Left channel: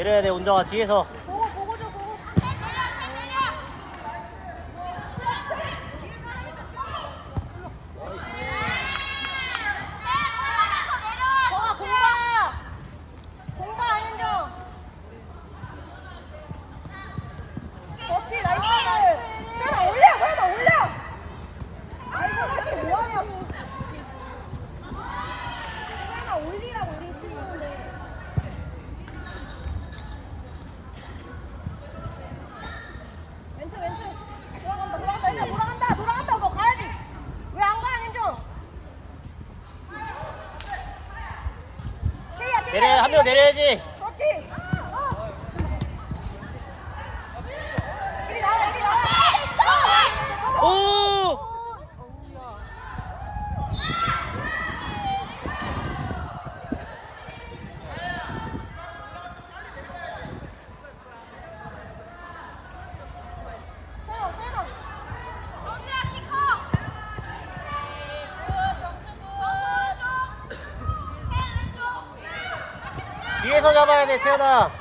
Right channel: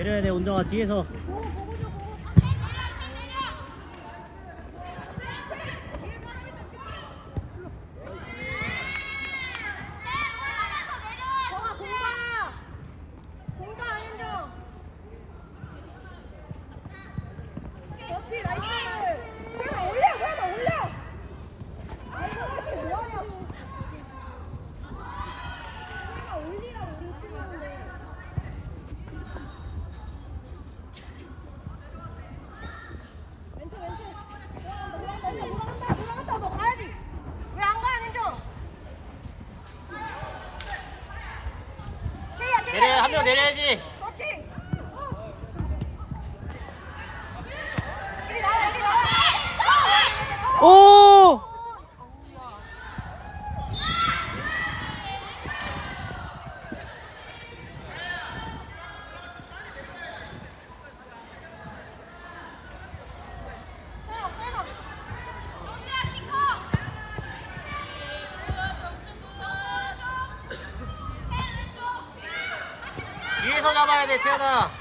내려야 돼 운동화 뒤에서. 내려야지. 안에서 잡아야 돼 채연아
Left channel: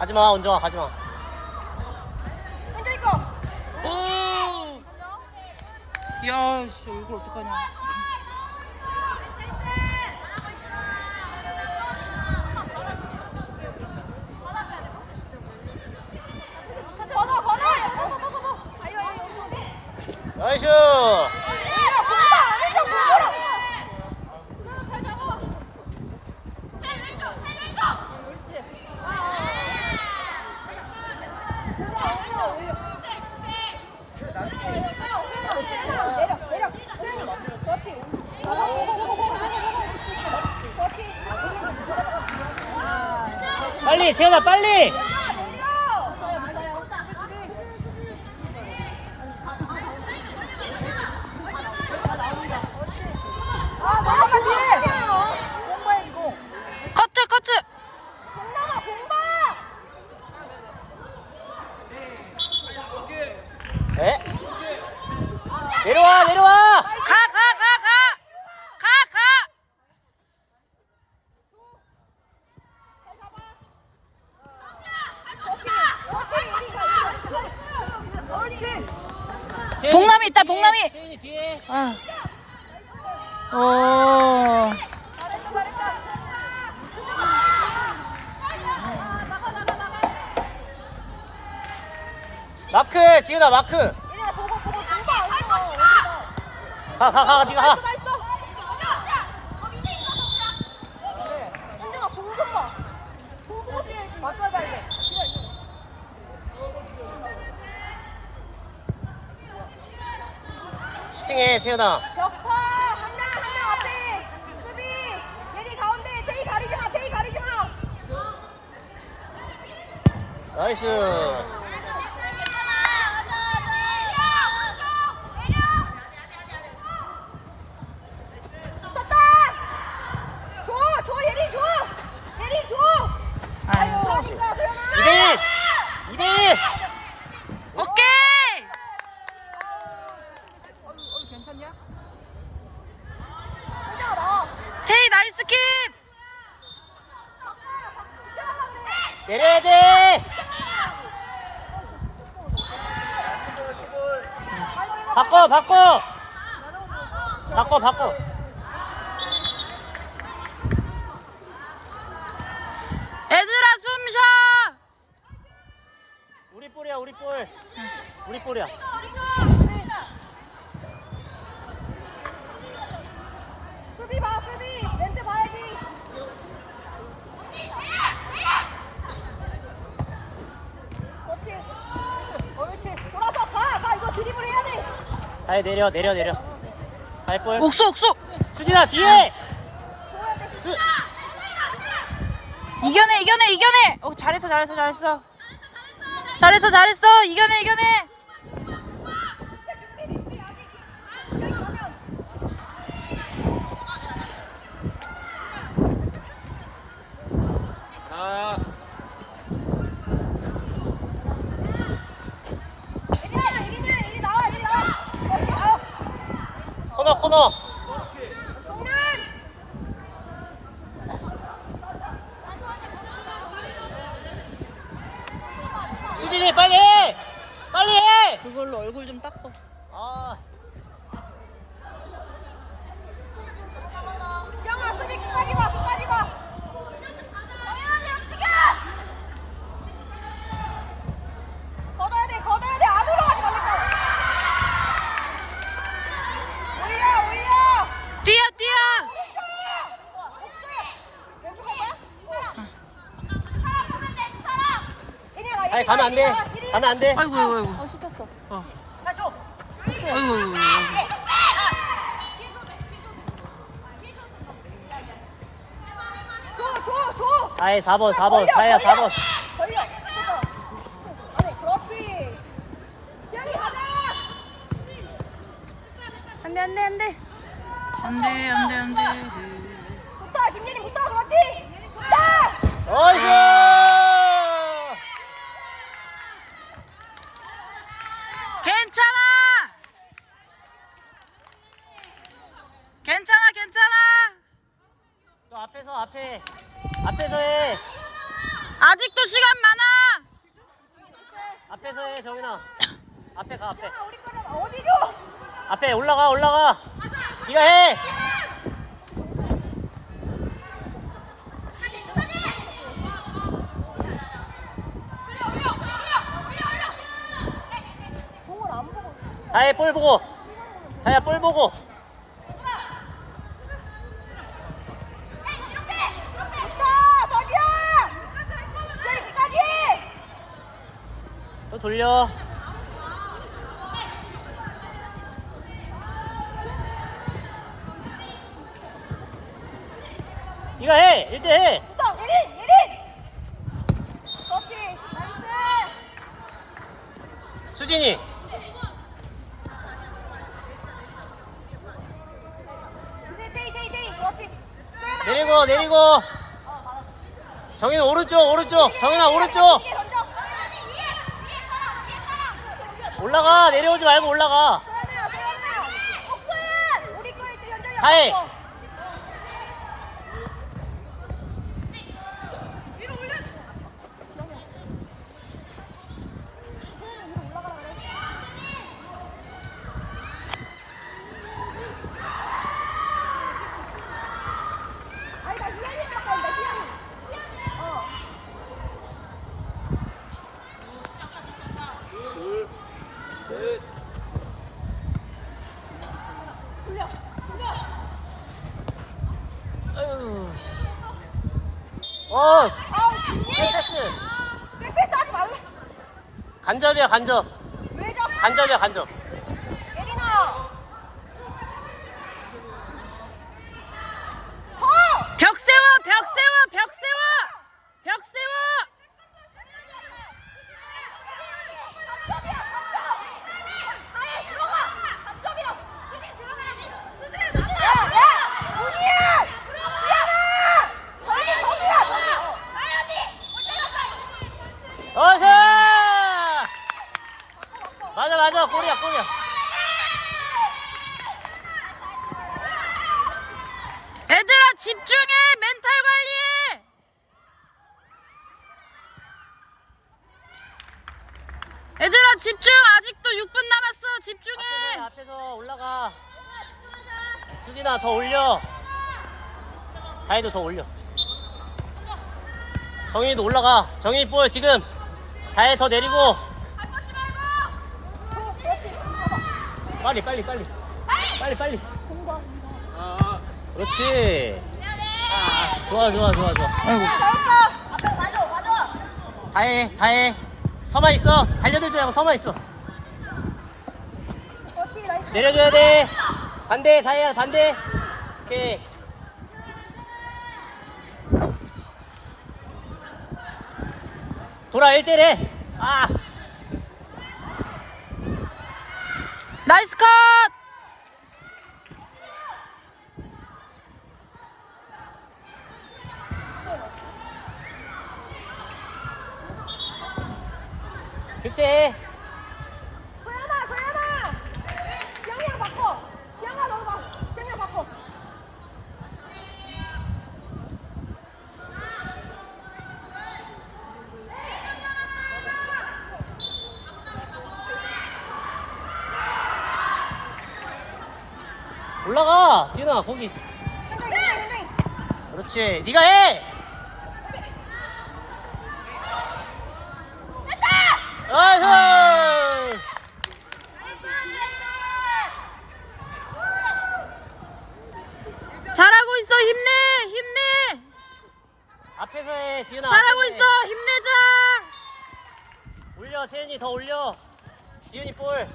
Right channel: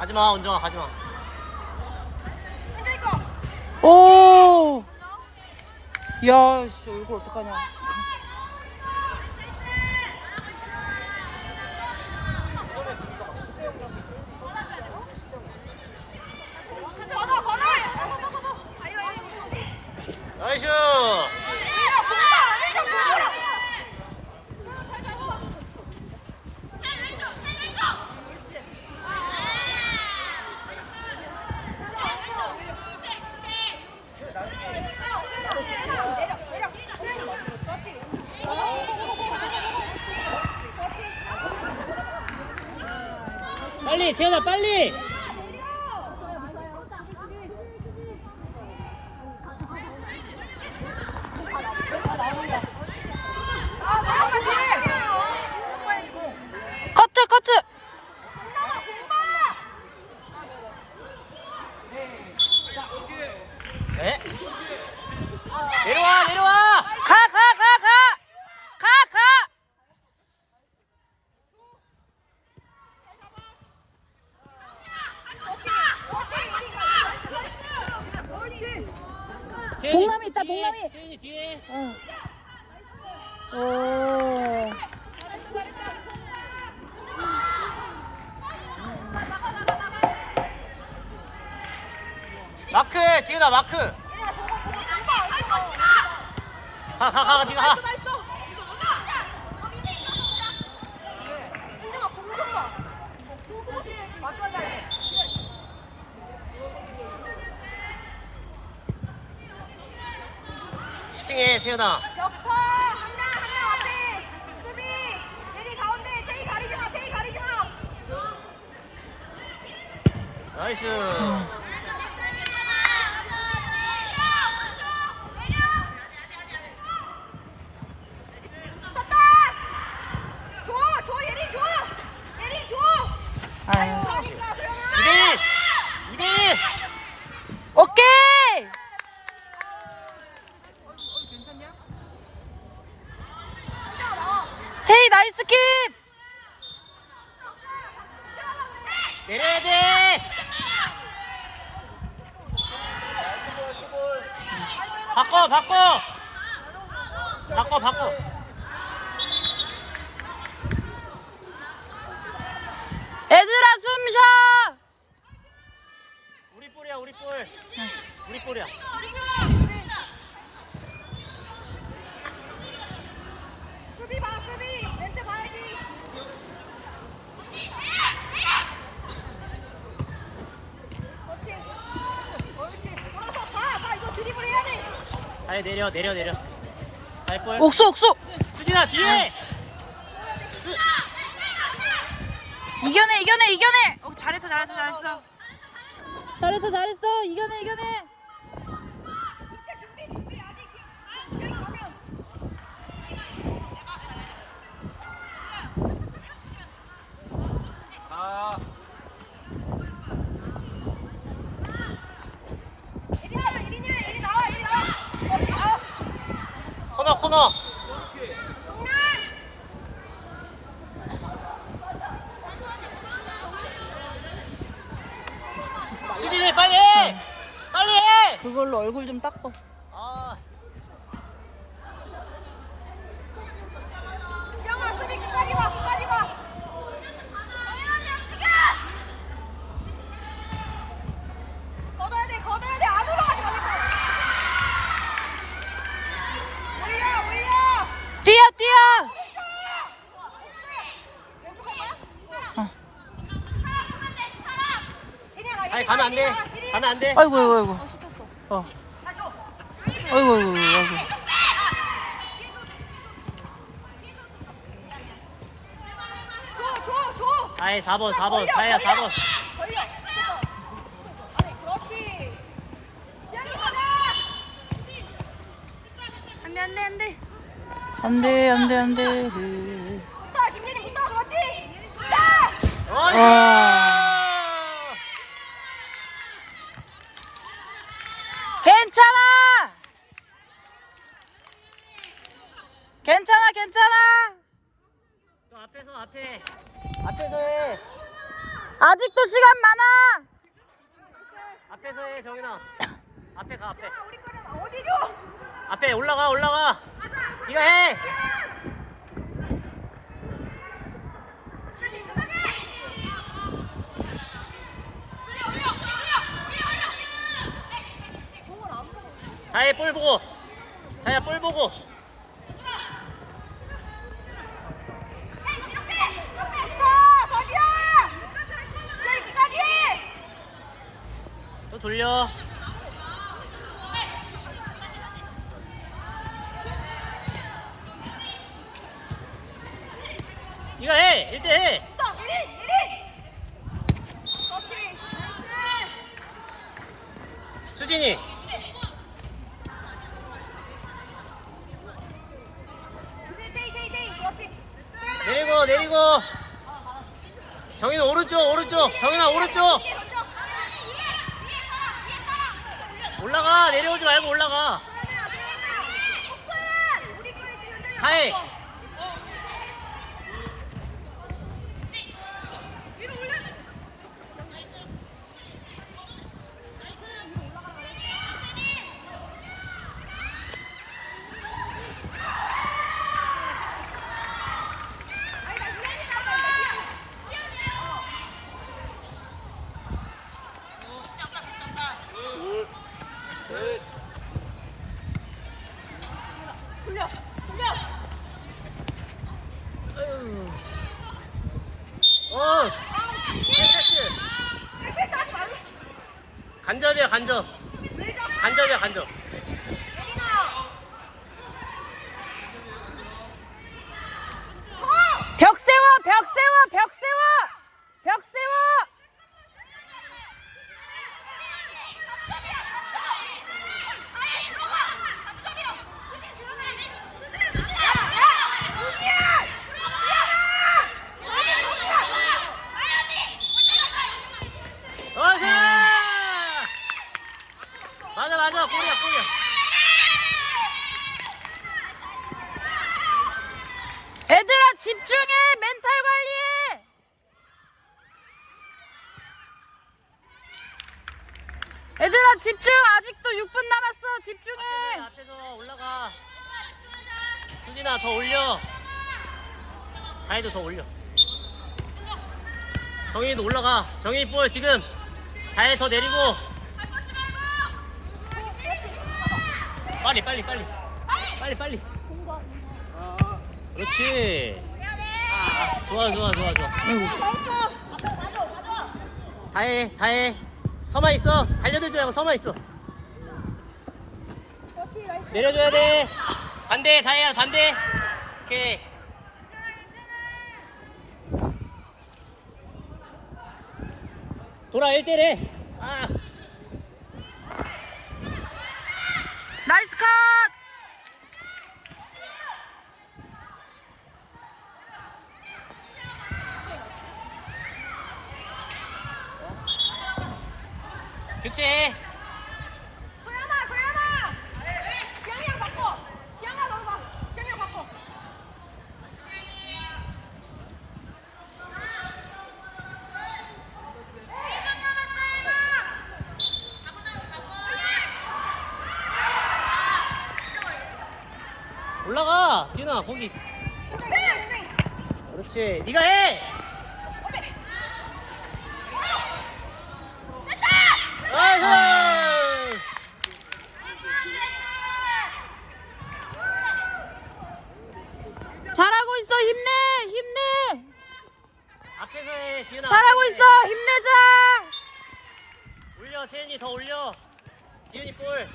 가지마 은정아 가지마 오! 야, 씨, 얼굴 어떡하냐. 지현아 빨리! 마크 지은아 마크. 가가 가 니가 가. 시팅해 지은아. 벽서 한명 한 명 앞에 수비. 여기 가운데 테이 가리지 마 테이 가리지 마. 나이스. 내려야 돼. 바꿔 바꿔. 바꿔 바꿔. 얘들아 숨 쉬어. 우리 볼이야 우리 볼. 우리 볼이야. 다혜 내려 내려 내려. 다혜 볼. 옥수 옥수 수진아 뒤에. 수. 이겨내 이겨내 이겨내 어 잘했어 잘했어 잘했어 잘했어 잘했어 이겨내 이겨내 준비 준비 아직 시간이 가면 아. 예린아 예린아 예린 나와 예린 나와 그렇지 아 코너 수진이 빨리 해. 빨리 해. 그걸로 얼굴 좀 닦어 아. 시영아 수비 끝까지 봐 끝까지 봐 걷어야 돼 걷어야 돼 안으로 가지 말랬잖아 올려 올려 뛰어 뛰어 오른쪽 없어 왼쪽 할 거야? 어. 예린 아 아니 가면 안 돼. 가면 안 돼. 아이고 아이고 아이고 어 시켰어 어 아이고 아이고 아이고. 다혜 4번 4번. 걸려, 다혜야 걸려. 4번. 걸려. 그래, 그렇지. 지영이 가자. 안돼, 안돼, 안돼. 안돼 안돼 안돼 붙어, 김민희 붙어, 그렇지. 붙어. 어이. 앞에서 앞에. 앞에서 해. 아직도 시간 많아 앞에서 해 정인아. 앞에 가 앞에. 우리 거는 어디로? 앞에 올라가 올라가. 네가 해. 다혜 볼 보고. 다혜야 볼 보고. 붙어, 서지야. 지영이 끝까지. 또 돌려. 네가 해. 1대 해. 그렇지. 나이스. 수진이. 테이. 그렇지. 소연아. 내리고 내리고. 정인 오른쪽 오른쪽. 정인아 오른쪽. 던져. 올라가. 내려오지 말고 올라가. 다혜. 없어. 아니, 나 유연이 아까 나 유연이. 어. 돌려, 돌려. 아유. 어. 아우, 패스. 백패스 하지 말라. 간접이야 간접. 왜? 간접이야 간접. 여기나. 서! 벽 세워 벽 세워 벽 세워 벽 세워 야, 야! 여기야! 미안아! 저기, 저기야, 저기! 어서. 맞아 맞아 골이야 골이야. 얘들아 집중해 멘탈 관리해 얘들아 집중 아직도 6분 남았어 집중해 앞에서 올라가. 수진아 더 올려. 다혜도 더 올려. 정인이도 올라가. 정인이 볼 지금. 다혜 더 내리고. 빨리 빨리 빨리 빨리 빨리 아 그렇지 좋아 좋아 좋아 좋아 아이고. 다해 다해 서만 있어. 달려들지 말고 서만 있어. 내려줘야 돼. 반대 다해야 반대. 오케이. 돌아 1대1 아. 나이스 컷! 교체 소연아 소연아. 지영이랑 바꿔. 지영아 너무 봐. 지영이랑 바꿔. 올라가. 지은아 거기. 그렇지. 네가 해 나이스 잘하고 있어 힘내 힘내 앞에서 해 지은아 잘하고 앞에서 있어 해. 힘내자 세연이 더 올려. 지은이 볼.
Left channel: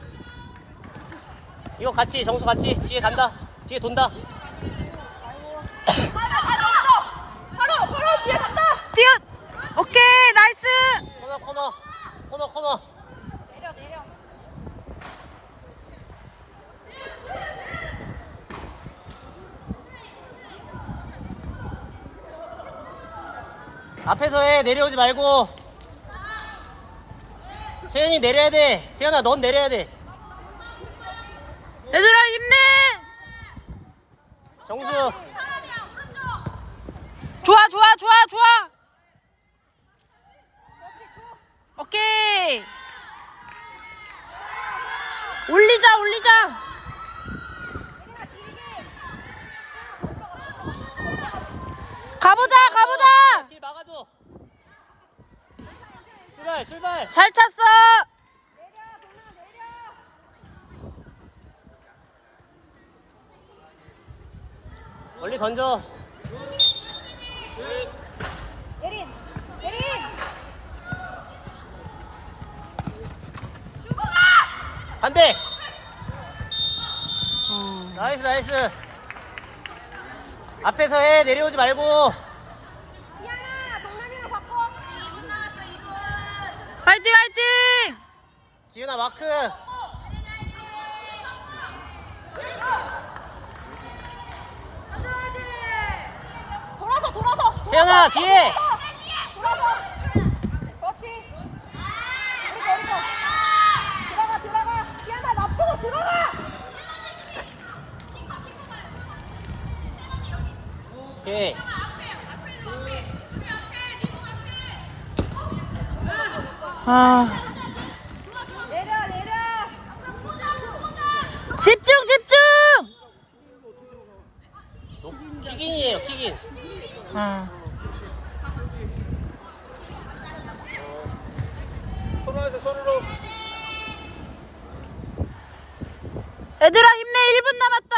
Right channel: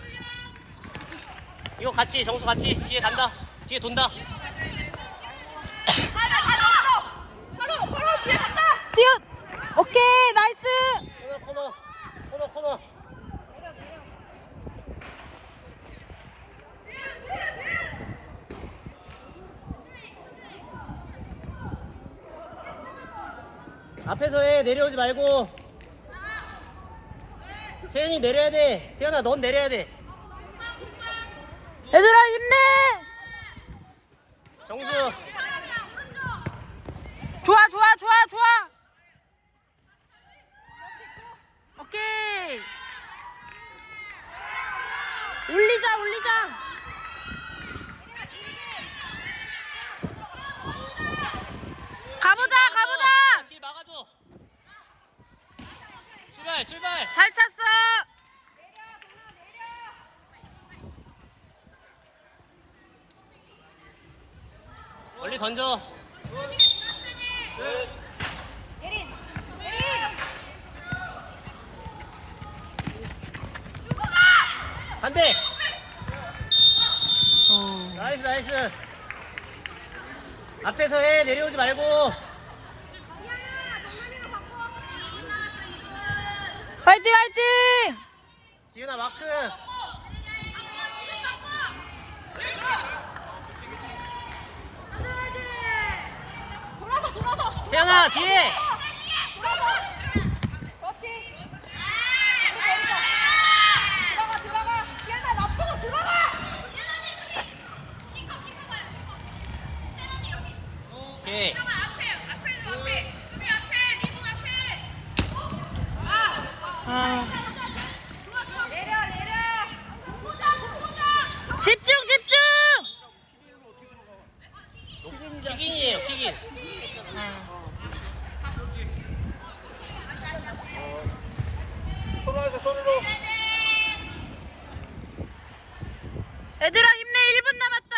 이거 같이 정수 같이. 뒤에 간다. 뒤에 돈다. 뛰어. 오케이 나이스. 코너 코너. 코너 코너. 앞에서 해 내려오지 말고 채연이 내려야 돼. 채연아 넌 내려야 돼. 얘들아 힘내! 정수. 좋아 좋아 좋아 좋아! 오케이! 올리자 올리자! 가보자 가보자 출발 출발. 잘 찼어. 멀리 던져. 예린 예린. 반대. 어. 나이스 나이스. 앞에서 해 내려오지 말고 이현아 동란이랑 바꿔 화이팅 화이팅! 지은아 마크. 재현아 뒤에 돌아서 그렇지 들어가 들어가 이현아 놔두고 들어가 오케이 아 내려 내려 집중 집중 킥인이에요 킥인 어. 서로에서 서로로 얘들아 힘내. 1분 남았다.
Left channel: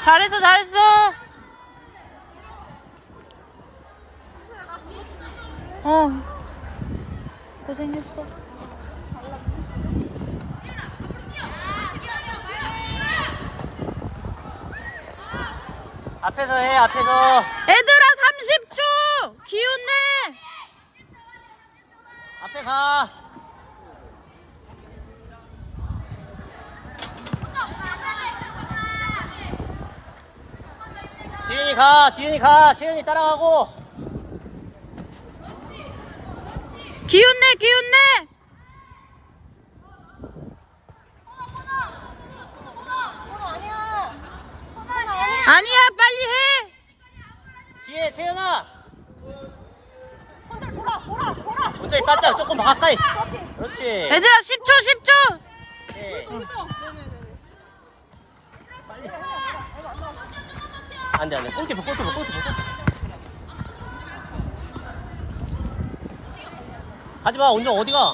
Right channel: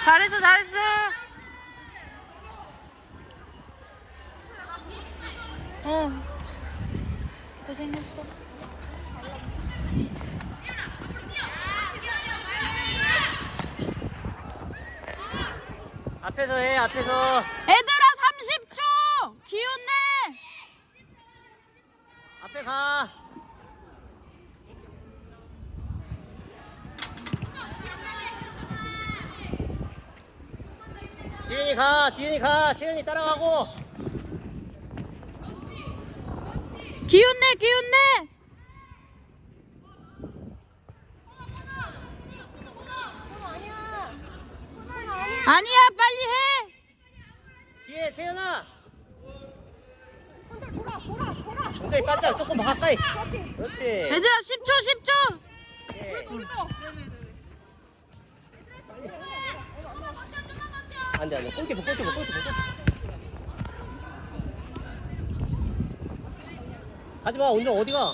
잘했어 잘했어. 어. 고생했어. 앞에서 해 앞에서. 얘들아 30초. 기운내 앞에 가. 지윤이 가 지윤이 가 지윤이 따라가고. 기운 내 기운 내! 아니야 아니야 아니야 빨리 해! 뒤에 채연아 혼자 돌아 돌아 문정이 바짝 조금 더 가까이. 그렇지. 얘들아 10초 10초! 오케이. 안돼 안돼. 골키퍼 골키퍼 골키퍼. 가지마 온정 어디가